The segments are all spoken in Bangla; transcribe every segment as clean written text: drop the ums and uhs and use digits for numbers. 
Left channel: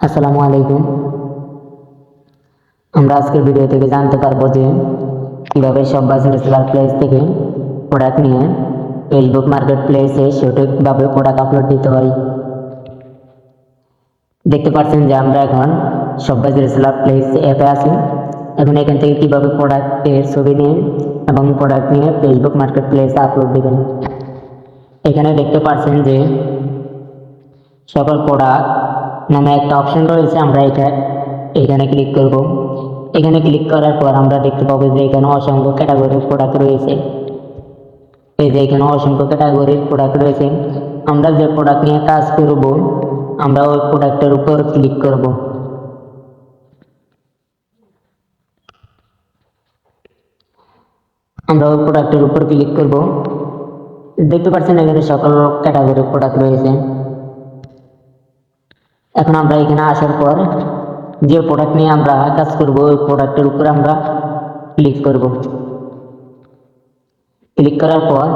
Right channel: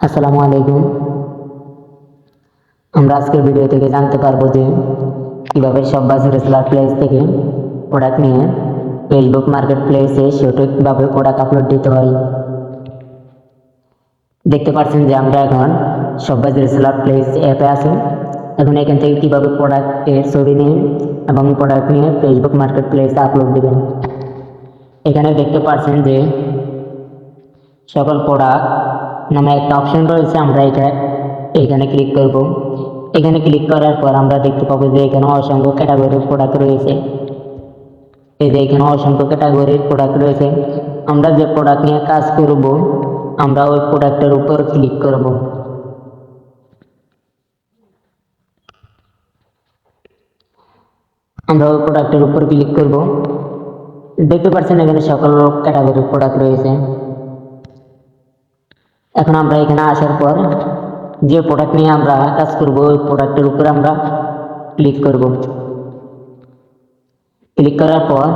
আসসালামু আলাইকুম। আমরা আজকের ভিডিও থেকে জানতে পারবো যে কিভাবে শপবাজ রেসেলার প্লেস থেকে প্রোডাক্ট নিয়ে ফেসবুক মার্কেট প্লেসে সঠিকভাবে প্রোডাক্ট আপলোড দিতে হয়। দেখতে পাচ্ছেন যে আমরা এখন শপবাজ রেসেলার প্লেস অ্যাপে আছি। এখন এখান থেকে কিভাবে প্রোডাক্টের ছবি দিয়ে এবং প্রোডাক্ট নিয়ে ফেসবুক মার্কেট প্লেসে আপলোড দিবেন। এখানে দেখতে পাচ্ছেন যে সকল প্রোডাক্ট নামে একটা অপশন রয়েছে। আমরা এখানে ক্লিক করব। এখানে ক্লিক করার পর আমরা দেখতে পাবো যে এখানে অসংখ্য ক্যাটাগরির প্রোডাক্ট রয়েছে। এই যে এখানে অসংখ্য ক্যাটাগরির প্রোডাক্ট রয়েছে। আমরা যে প্রোডাক্ট নিয়ে কাজ করব আমরা ওই প্রোডাক্টের উপর ক্লিক করব। আমরা ওই প্রোডাক্টের উপর ক্লিক করব। দেখতে পাচ্ছেন এখানে সকল ক্যাটাগরির প্রোডাক্ট রয়েছে। এখন আমরা এখানে আসার পর যে প্রোডাক্ট নিয়ে আমরা কাজ করব ওই প্রোডাক্টের উপর আমরা ক্লিক করব। ক্লিক করার পর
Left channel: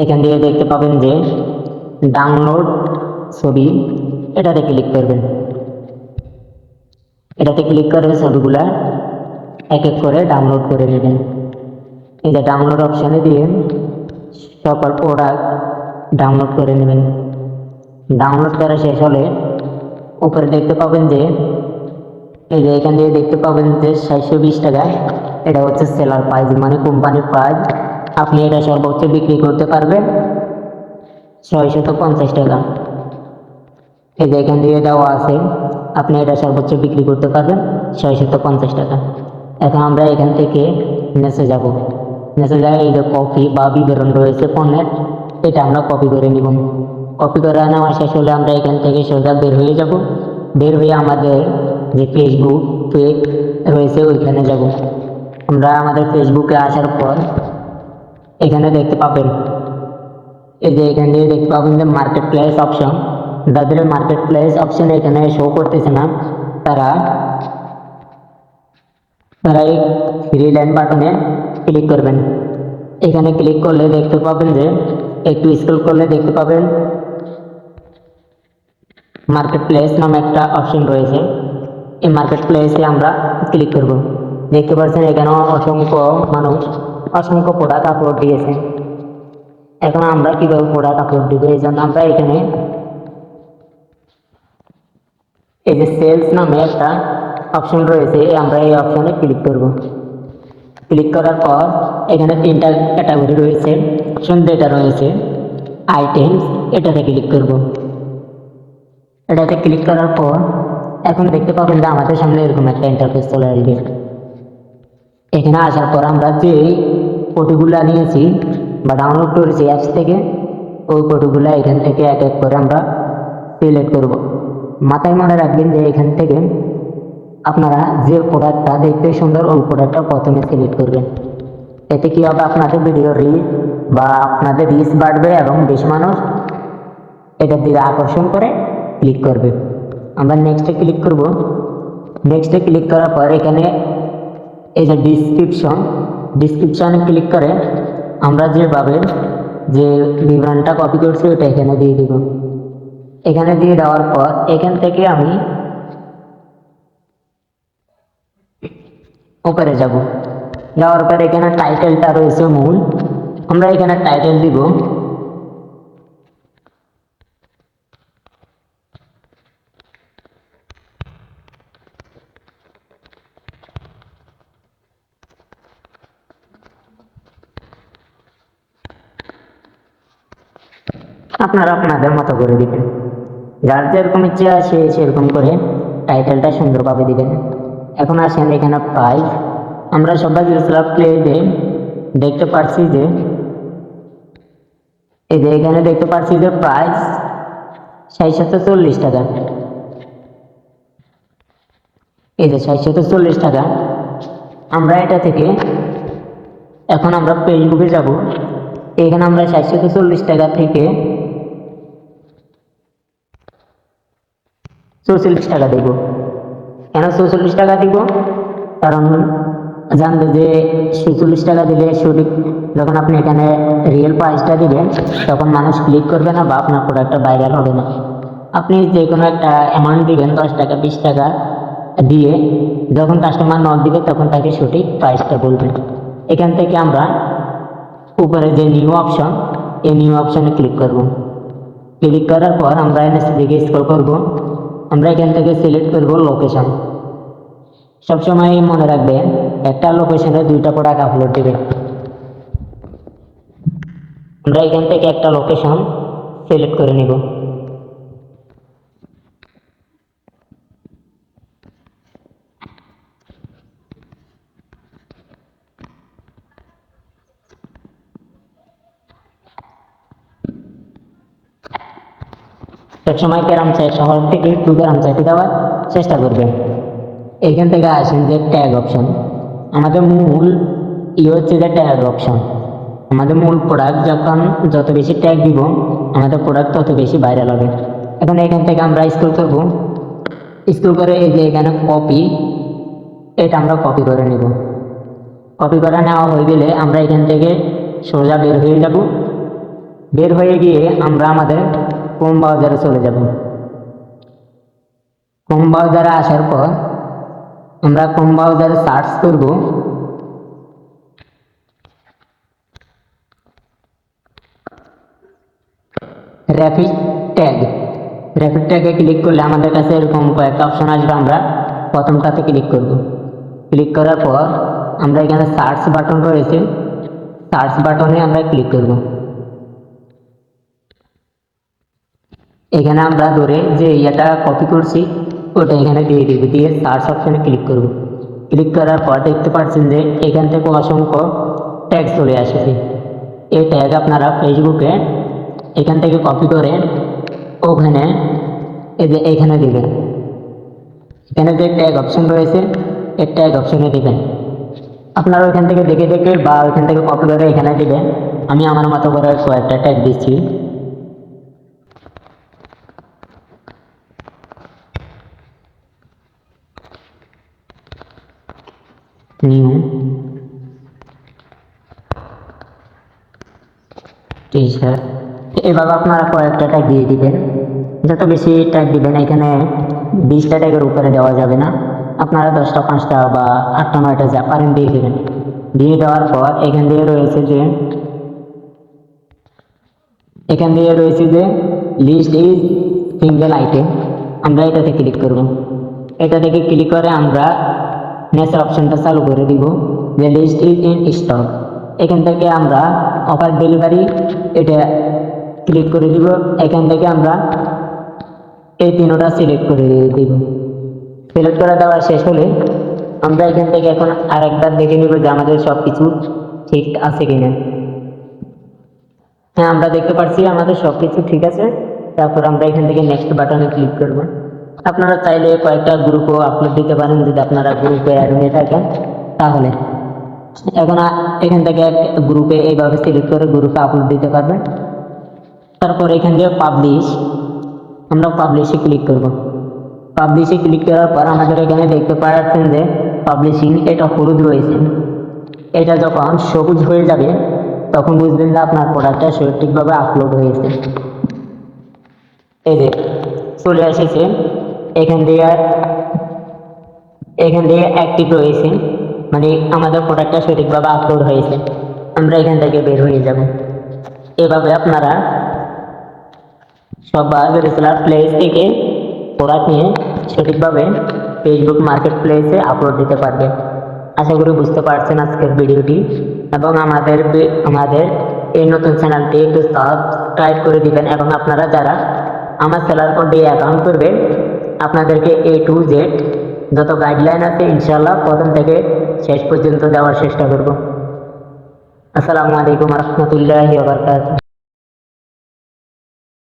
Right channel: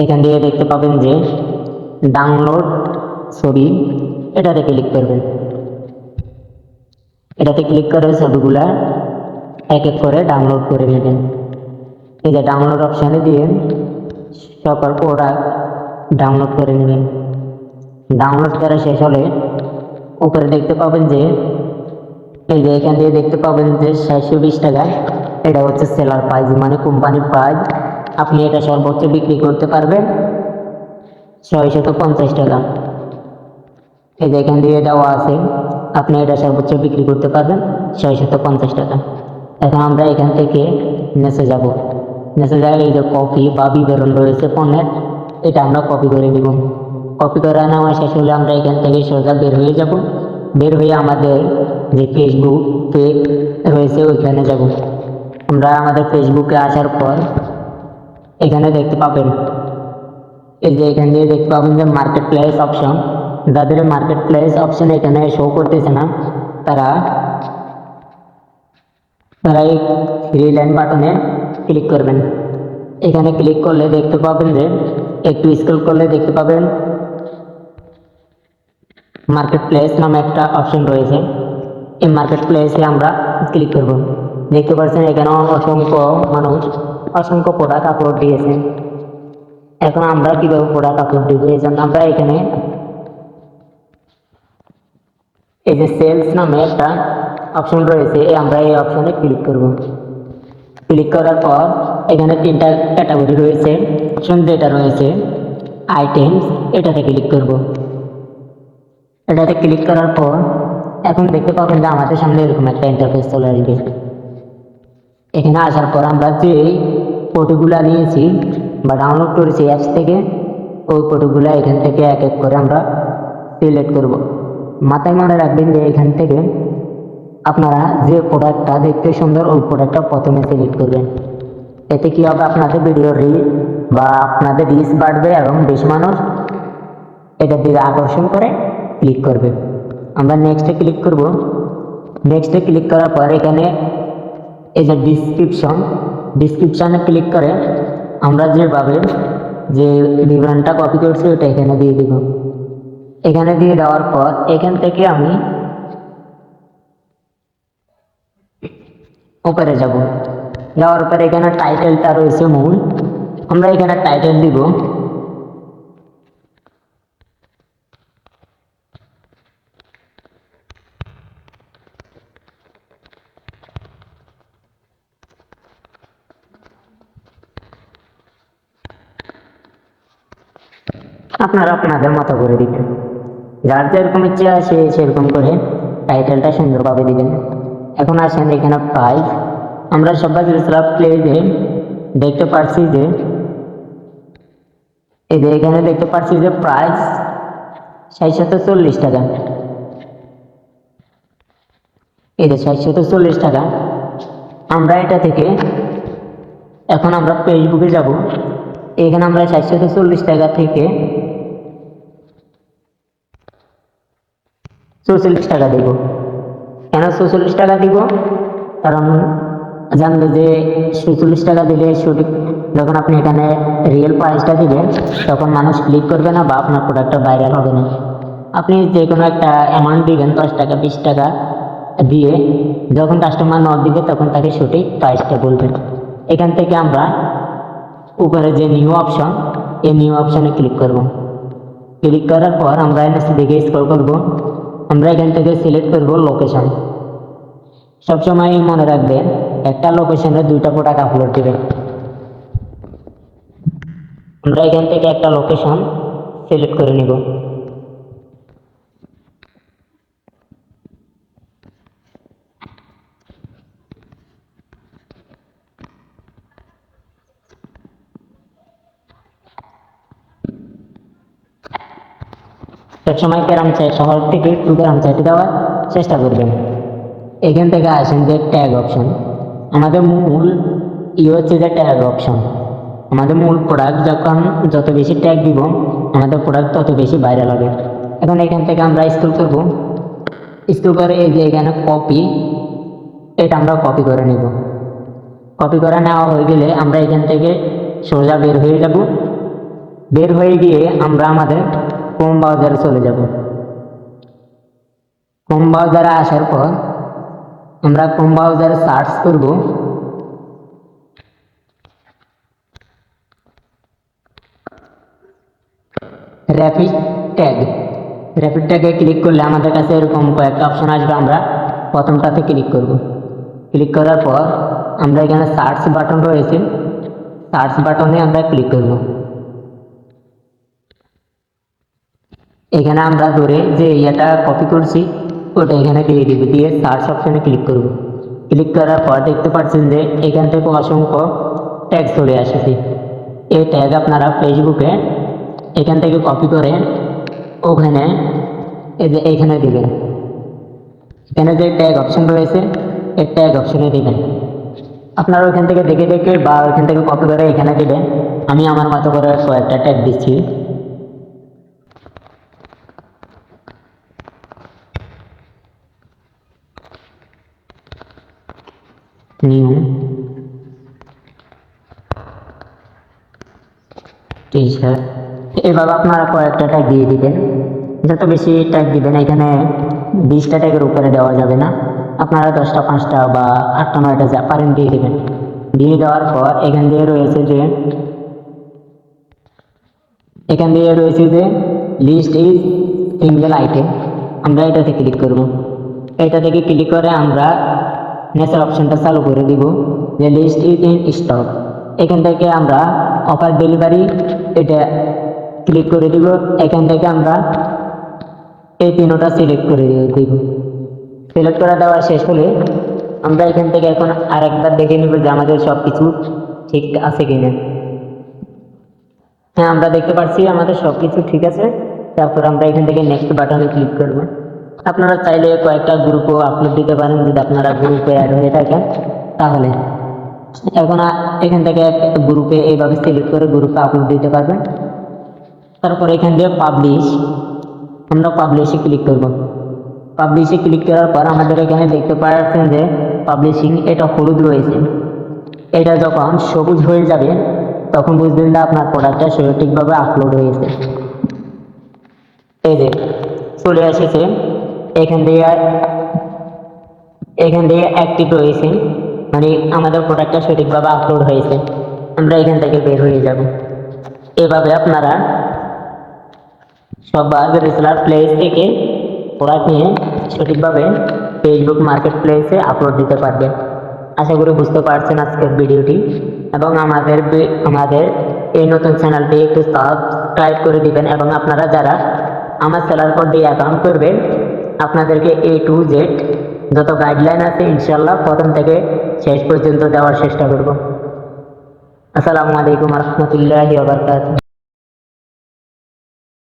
এখান থেকে দেখতে পাবেন যে ডাউনলোড ছবি, এটাতে ক্লিক করবেন। এটাতে ক্লিক করে ছবিগুলা এক এক করে ডাউনলোড করে নেবেন। এই যে ডাউনলোড অপশানে দিয়ে সকল প্রোডাক্ট ডাউনলোড করে নেবেন। ডাউনলোড করা শেষ হলে উপরে দেখতে পাবেন যে এই যে এখান দিয়ে দেখতে পাবেন যে 720 টাকা, এটা হচ্ছে সেলার প্রাইস, মানে কোম্পানির প্রাইস। আপনি এটা সর্বোচ্চ বিক্রি করতে পারবেন 650 টাকা। এই যে এখান দিয়ে দেওয়া আছে আপনি এটা সর্বোচ্চ বিক্রি করতে পারবেন 650 টাকা। এখন আমরা এখান থেকে নিচে যাব। নিচে যাই, এই যে কপি বা বিবরণ রয়েছে পণ্যের, এটা আমরা কপি করে নিব। কপি করে নেওয়া শেষ হলে আমরা এখান থেকে সোজা বের হয়ে যাব। বের হয়ে আমাদের যে ফেসবুক পেজ রয়েছে ওইখানে যাব। আমরা আমাদের ফেসবুকে আসার পর এখানে দেখতে পাবেন এই যে এখান দিয়ে দেখতে পাবেন যে মার্কেট প্লেস অপশন। যাদের মার্কেট প্লেস অপশন এখানে শো করতেছে না তারা এই থ্রি লাইন বাটনে ক্লিক করবেন। এখানে ক্লিক করলে দেখতে পাবেন যে একটু স্ক্রল করলে দেখতে পাবেন মার্কেট প্লেস নামে একটা অপশন রয়েছে। এই মার্কেট প্লেসে আমরা ক্লিক করব। দেখতে পাচ্ছেন এখানে অসংখ্য মানুষ অসংখ্য প্রোডাক্ট আপলোড দিয়েছে। এখন আমরা কিভাবে প্রোডাক্ট আপলোড দিব, এই জন্য আমরা এখানে এই যে সেলস নামে একটা অপশন রয়েছে, আমরা এই অপশনে ক্লিক করব। ক্লিক করার পর এখানে তিনটা ক্যাটাগরি রয়েছে। অপশন যেটা রয়েছে আইটেমস, এটাতে ক্লিক করব। এটাতে ক্লিক করার পর এখন দেখতে পাবেন যে আমাদের সামনে এরকম একটা ইন্টারফেস চলে আসবে। এখানে আসার পর আমরা যে ফটোগুলো নিয়েছি বা ডাউনলোড করেছি অ্যাপস থেকে, ওই ফটোগুলো এখান থেকে এক এক করে আমরা সিলেক্ট করব। মাথায় মনে রাখবেন যে এখান থেকে আপনারা যে প্রোডাক্টটা দেখতে সুন্দর ওই প্রোডাক্টটা প্রথমে সিলেক্ট করবেন। এতে কি হবে, আপনাদের ভিডিও রিল বা আপনাদের রিচ বাড়বে এবং বেশি মানুষ এটার দিকে আকর্ষণ করে ক্লিক করবে। আমরা নেক্সটে ক্লিক করব। নেক্সটে ক্লিক করার পর এখানে এই যে ডিসক্রিপশনে ক্লিক করে আমরা যেভাবে যে বিবরণটা কপি করছি ওটা এখানে দিয়ে দিব। এখানে দিয়ে দেওয়ার পর এখান থেকে আমি উপরে যাব। যাওয়ার পর এখানে টাইটেলটা রয়েছে মূল, আমরা এখানে টাইটেল দিব। আপনারা আপনাদের মতো করে দিবেন, যার যেরকম ইচ্ছা সে সেরকম করে টাইটেলটা সুন্দরভাবে দিবেন। এখন আসেন এখানে প্রাইস। আমরা সবাই প্লেসে দেখতে পাচ্ছি যে এই যে এখানে দেখতে পাচ্ছি যে প্রাইস 640 টাকা। এই যে 640 টাকা। আমরা এটা থেকে এখন আমরা ফেসবুকে যাব। এখানে আমরা 640 টাকা থেকে 44 টাকা দেব। কেন 44 টাকা দিব, কারণ জানবে যে 46 টাকা দিলে সঠিক, যখন আপনি এখানে রিয়েল প্রাইসটা দিবেন তখন মানুষ ক্লিক করবে না বা আপনার প্রোডাক্টটা ভাইরাল হবে না। আপনি যে কোনো একটা অ্যামাউন্ট দিবেন, 10 টাকা 20 টাকা দিয়ে, যখন কাস্টমার নক দিবে তখন তাকে সঠিক প্রাইসটা বলবেন। এখান থেকে আমরা উপরে যে নিউ অপশন, এই নিউ অপশনে ক্লিক করব। ক্লিক করার পর আমরা নিচে দিকে স্ক্রল করব। আমরা এখান থেকে সিলেক্ট করব লোকেশন। সবসময় মনে রাখবেন, একটা লোকেশনে 2টা প্রোডাক্ট আপলোড দেবেন। আমরা এখান থেকে একটা লোকেশন সিলেক্ট করে নিব। সবসময় গ্রাম চাই, সবার থেকে একটু গ্রাম চাইতে দেওয়ার চেষ্টা করবেন। এখান থেকে আসেন যে ট্যাগ অপশন। আমাদের মূল হচ্ছে যে ট্যাগ অপশন। আমাদের মূল প্রোডাক্ট যখন যত বেশি ট্যাগ দিব, আমাদের প্রোডাক্ট তত বেশি ভাইরাল হবে। এখন এখান থেকে আমরা স্ক্রল করব। স্ক্রল করে এই যে এখানে কপি, এটা আমরা কপি করে নেব। কপি করে নেওয়া হয়ে গেলে আমরা এখান থেকে সোজা বের হয়ে যাব। বের হয়ে গিয়ে আমরা আমাদের ক্রোম ব্রাউজারে চলে যাব। ক্রোম ব্রাউজারে আসার পর আমরা ক্রোম ব্রাউজারে সার্চ করব র্যাপিড ট্যাগ। র্যাপিড ট্যাগে ক্লিক করলে আমাদের কাছে এরকম কয়েকটা অপশন আসবে। আমরা প্রথমটাতে ক্লিক করব। ক্লিক করার পর আমরা এখানে সার্চ বাটন রয়েছে, সার্চ বাটনে আমরা ক্লিক করব। এখানে আমরা ধরে যে এটা কপি করছি ওটা এখানে দিয়ে দিব, দিয়ে সার্চ অপশনে ক্লিক করব। ক্লিক করার পর দেখতে পাচ্ছেন যে এখান থেকে অসংখ্য ট্যাগ চলে আসছে। এই ট্যাগ আপনারা ফেসবুকে এখান থেকে কপি করে ওখানে এই যে এখানে দিবেন। এখানে যে ট্যাগ অপশন রয়েছে এই ট্যাগ অপশনে দিবেন। আপনারা ওখান থেকে দেখে দেখে বা ওখান থেকে কপি করে এখানে দিবেন। আমি আমার মতো করে কয়েকটা ট্যাগ দিচ্ছি। নিউ টি-শার্ট, এভাবে আপনারা কয়েকটা ট্যাগ দিয়ে দিবেন। যত বেশি ট্যাগ দিবেন, এখানে 20টা ট্যাগের উপরে দেওয়া যাবে না। আপনারা 10টা 5টা বা 8টা 9টা যা পারেন দিয়ে দিবেন। দিয়ে দেওয়ার পর এখান দিয়ে রয়েছে যে লিস্ট ইজ সিঙ্গেল আইটেম, আমরা এটাতে ক্লিক করব। এটা থেকে ক্লিক করে আমরা নেক্সট অপশনটা চালু করে দিব যে লিস্ট ইজ ইন স্টক। এখান থেকে আমরা অফার ডেলিভারি এটা ক্লিক করে দিব। এখান থেকে আমরা এই তিনটা সিলেক্ট করে দিব। সিলেক্ট করে দেওয়া শেষ হলে আমরা এখান থেকে এখন আরেকবার দেখে নিব যে আমাদের সবকিছু ঠিক আছে কিনা। হ্যাঁ, আমরা দেখতে পাচ্ছি আমাদের সবকিছু ঠিক আছে। তারপর আমরা এখান থেকে নেক্সট বাটনে ক্লিক করব। আপনারা চাইলে কয়েকটা গ্রুপও আপলোড দিতে পারেন যদি আপনারা গ্রুপে অ্যাড হয়ে থাকেন তাহলে। এখন এখান থেকে গ্রুপে এইভাবে সিলেক্ট করে গ্রুপে আপলোড দিতে পারবেন। তারপর এখান থেকে পাবলিশ, আমরা পাবলিশে ক্লিক করব। পাবলিশে ক্লিক করার পর আমাদের এখানে দেখতে পাচ্ছেন যে পাবলিশিং এটা হলুদ রয়েছে। এটা যখন সবুজ হয়ে যাবে তখন বুঝবেন যে আপনার প্রোডাক্টটা সঠিকভাবে আপলোড হয়েছে। এই যে চলে এসেছে, এখান থেকে অ্যাক্টিভ রয়েছে, মানে আমাদের প্রোডাক্টটা সঠিকভাবে আপলোড হয়েছে। আমরা এখান থেকে বের হয়ে যাব। এভাবে আপনারা সবার রিসেলার প্লেস থেকে প্রোডাক্ট নিয়ে সঠিকভাবে ফেসবুক মার্কেট প্লেসে আপলোড দিতে পারবেন। আশা করি বুঝতে পারছেন আজকের ভিডিওটি, এবং আমাদের এই নতুন চ্যানেলটি একটু সাবস্ক্রাইব করে দিবেন। এবং আপনারা যারা আমার সেলার কোড দিয়ে অ্যাকাউন্ট করবেন আপনাদেরকে A to Z যত গাইডলাইন আছে ইনশাল্লাহ প্রথম থেকে শেষ পর্যন্ত দেওয়ার চেষ্টা করব। আসসালামু আলাইকুম ওয়া রাহমাতুল্লাহি ওয়া বারাকাতুহু।